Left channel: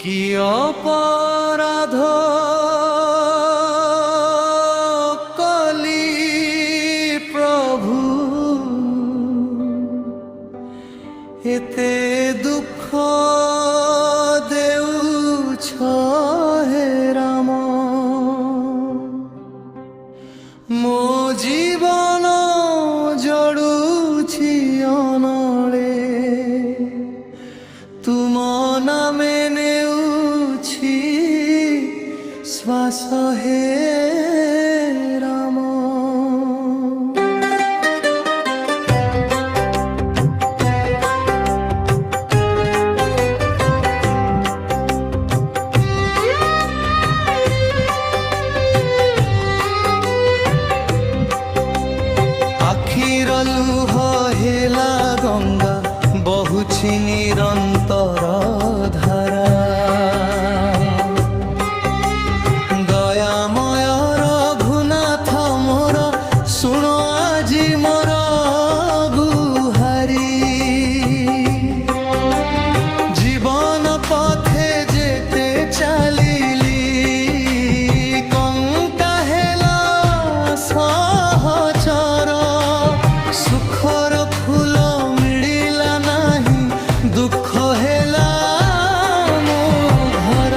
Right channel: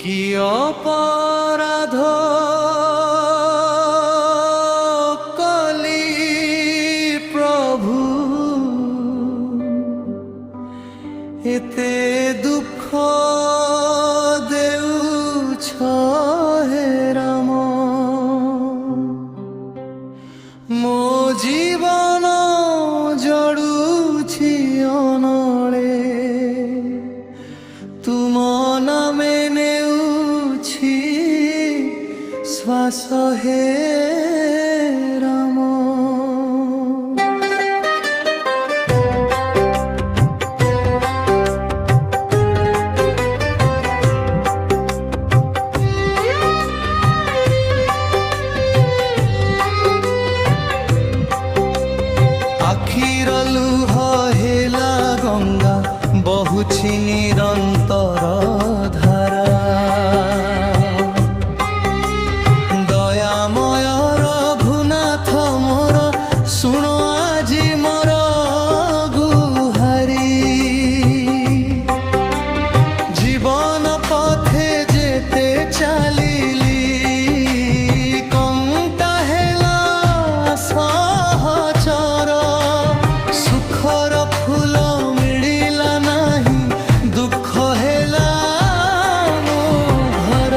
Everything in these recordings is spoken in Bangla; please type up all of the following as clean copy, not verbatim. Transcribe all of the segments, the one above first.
কি অপরাধ কলি প্রভু, এতে দুঃখ দেউছ হে রাম। ମୋ ଜୀବନ ଜଡ଼ୁଛି ଅନଳେ, ତୁମ ନାମେ ନେଉଛି ଶ୍ୱାସ ହେ ରାମ। আখির লুহ হেলা গঙ্গা, ବହୁଛି ନିରନ୍ତର ଧାରା। ଦୟାମୟ ରଘୁନାଥ ମୋର, ଶୁଣ ଆଜି ମୋର ଗୁହାରି। ଜୀବନ ପଥେ ଯେତେ ଚାଲିଲି, କଣ୍ଟା ହେଲା ସହଚର। ସୁଖର ଫୁଲ ମିଳିଲା ନାହିଁ, ଦୁଃଖ ହେଲା ମୋ ଘର।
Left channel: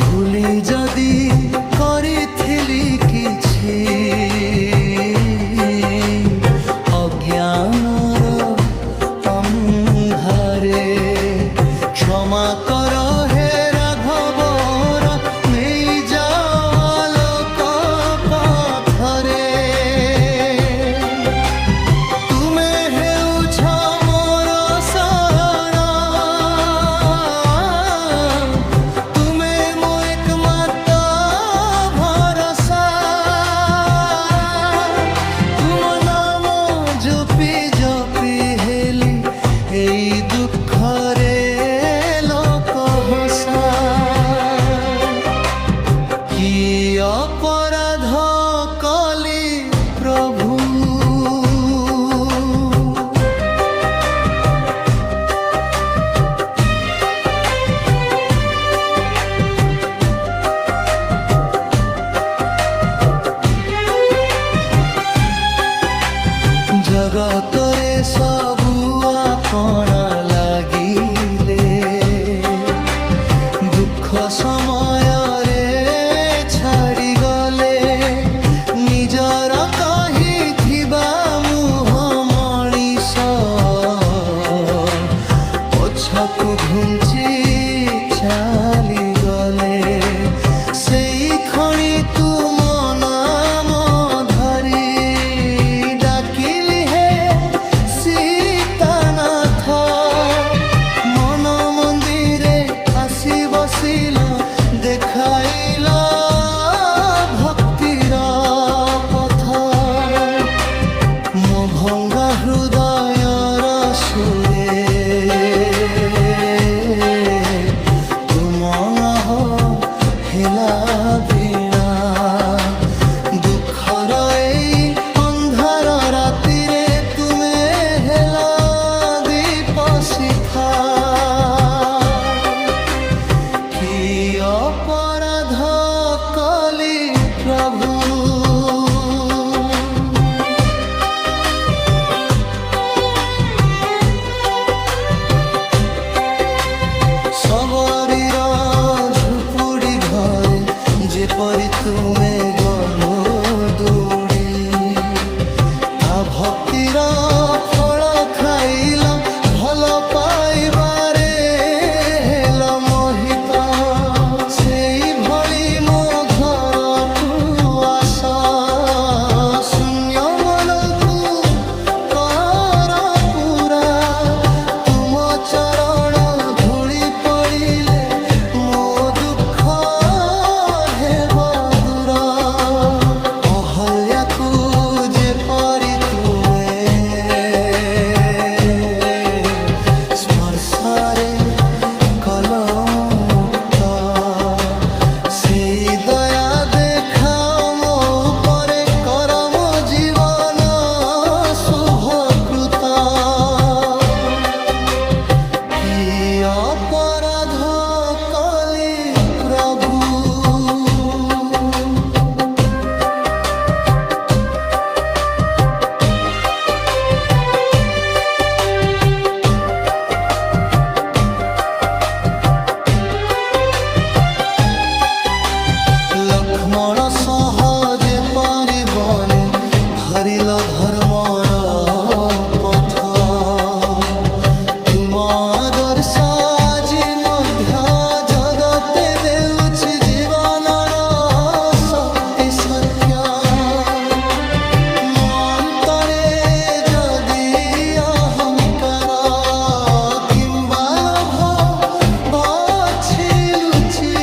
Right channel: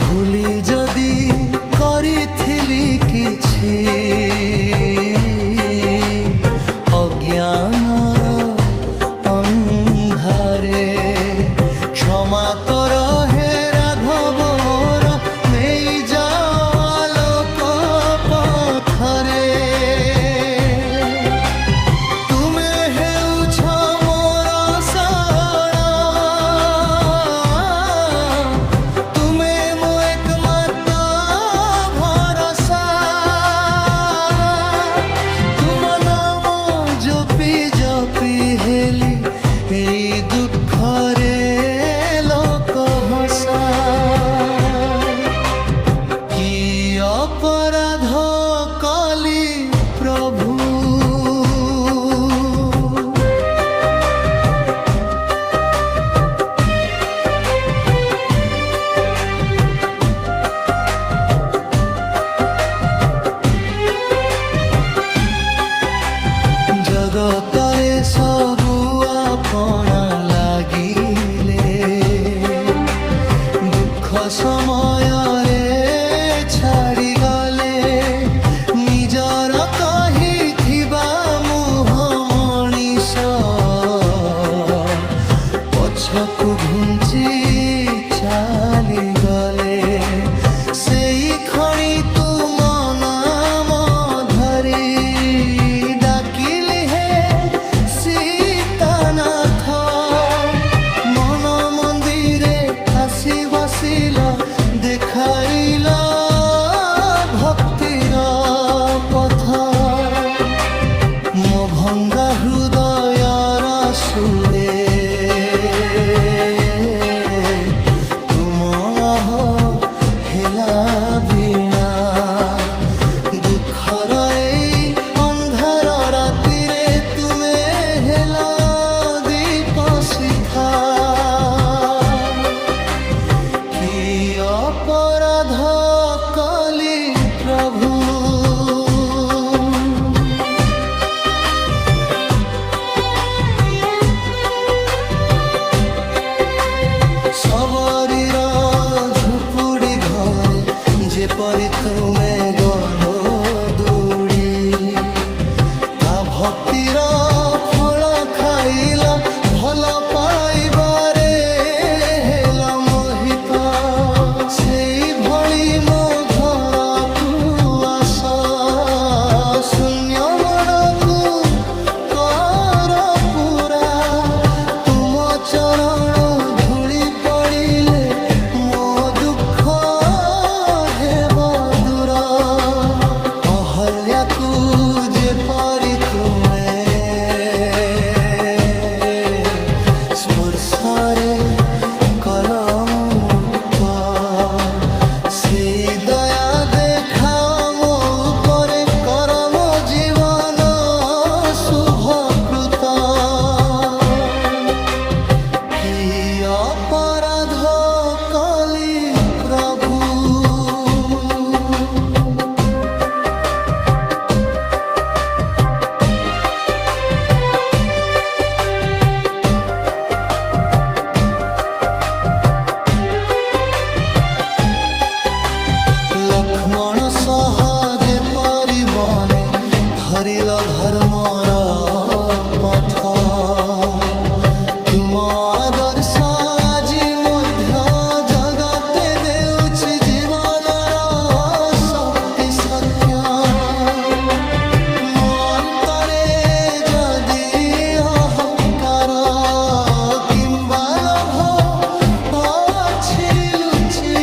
ଭୁଲି ଯଦି କରିଥିଲି କିଛି, ଅଜ୍ଞାନର ଅନ୍ଧାରେ କ୍ଷମା କର ହେ ରାଘବର, ନେଇଯାଅ ଆଲୋକ ପଥରେ। এই দুঃখরে লোক হসা, কি অপরাধ কলি প্রভু। জগতরে সবু আপনা লাগিলে, দুঃখ সমୟରେ ଛାଡ଼ି ଗଲେ। ନିଜର କହିଥିବା ମୁହ ମଣିଷ, ପଛକୁ ଘୁଞ୍ଚି ଚାଲିଗଲେ। ସେଇ ଖଣି ତୁମ ନାମ ଧରି ଡାକିଲି ହେ ସୀତାନାଥ। ମନ ମନ୍ଦିରେ ଆସି ବସିଲ, ଦେଖାଇଲ ଭକ୍ତିର ପଥ। ମୋ ଭଙ୍ଗା ହୃଦୟର ସୁରେ ତୁମ ଆହ ହେଲା ବୀଣା। ଦୁଃଖର ଏଇ ଅନ୍ଧାର ରାତିରେ ତୁମେ ହେଲା ଦୀପ ଶିଖା। কি অপরাধ কলি প্রভু। সবরীর ঝুপুড়ি ঘরে যেপরি তুমে গল দৌড়ি, তা ভক্তির ফল খাইল, ভাল পাইবারে হেল মোহিত। সেই ভଳି ମୋ ଘରକୁ ଆସ, ଶୂନ୍ୟ ମନକୁ କର ପୁରା। ତୁମ ଚରଣ ଧୂଳି ପଡ଼ିଲେ, ମୋ ଦୁଃଖ ହେବ ଦୂର। ଅହଲ୍ୟାକୁ ଯେପରି ତୁମେ ସ୍ପର୍ଶରେ କଲ ମୁକ୍ତ, ସେଇ ଦୟା ଦେଖାଅ ମୋ ଉପରେ, କର ମୋ ଜୀବନ শুভকৃত। কি অপরাধ কলি প্রভু। লক্ষ্মণ সহ যেপରି বনে ধরিল ধর্মର পথ, ତୁମ ଆଦର୍ଶ ଆଜି ମଧ୍ୟ ଜଗତେ ଦେଉଛି ଜୀବନର ଶକ୍ତି ସତ୍ୟ। ମୋ ଅନ୍ତରେ ଯଦି ଅହଙ୍କାର କିମ୍ବା ଲୋଭ ଅଛି ଲୁଚି,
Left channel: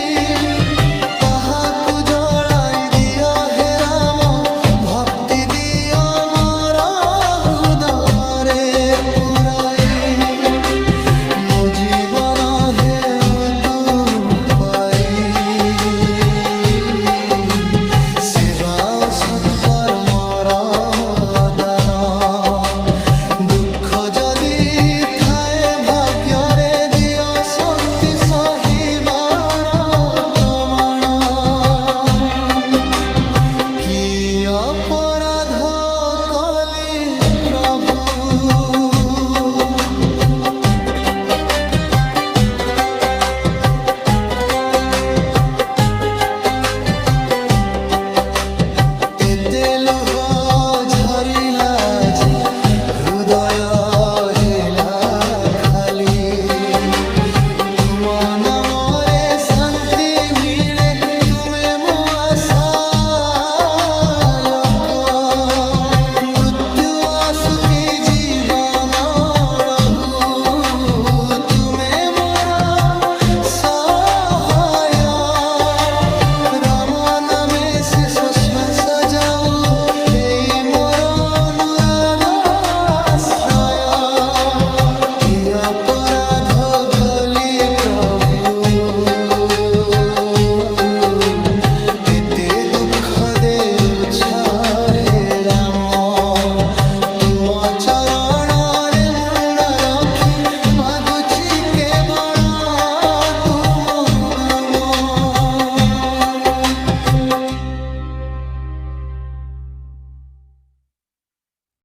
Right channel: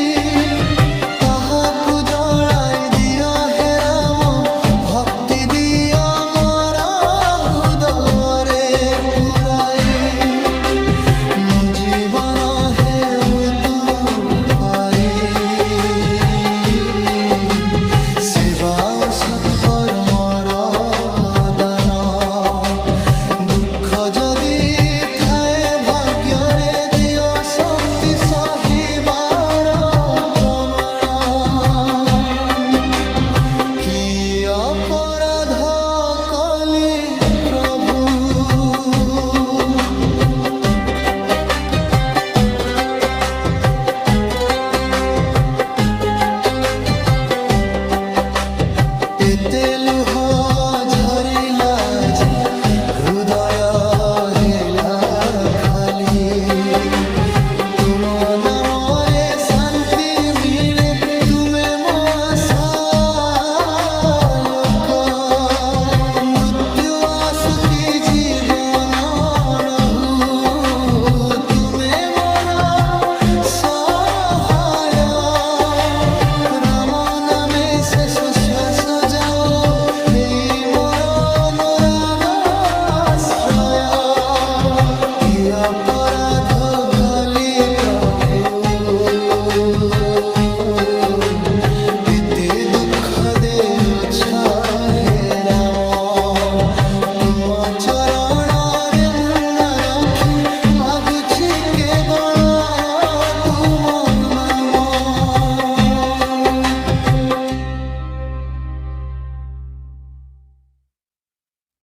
ତାହାକୁ ଜଳାଇ ଦିଅ ହେ ରାମ, ଭକ୍ତି ଦିଅ ମୋର ହୃଦୟରେ ପୁରାଇ। ମୋ ଜୀବନ ହେଉ ତୁ ପାଇ, ସେବା ଓ ସତ୍କର୍ମର ଦାନ। ଦୁଃଖ ଯଦି ଥାଏ ଭାଗ୍ୟରେ ଦିଅ ଶକ୍ତି ସହିବାର ପ୍ରମାଣ। কি অপরাধ কলি প্রভু। এতে লুহ ঝরিলা জি, হৃদয় হেলা খালি। তুম নামরে শান্তি মিলে, তুমে মো আশা লোক। মৃত্যু আসুকি জীবন রহু, তুমে মোর সহায়। রাম নামে শেষ শ্বাস যাও, এই মোর অনুরাগ আশ্রয়। কি অপরাধ কলি প্রভু, এতে দুঃখ দেউছ হে রাম। তুম চরণরে মুন্ড রখি মাগুছি কেবଳ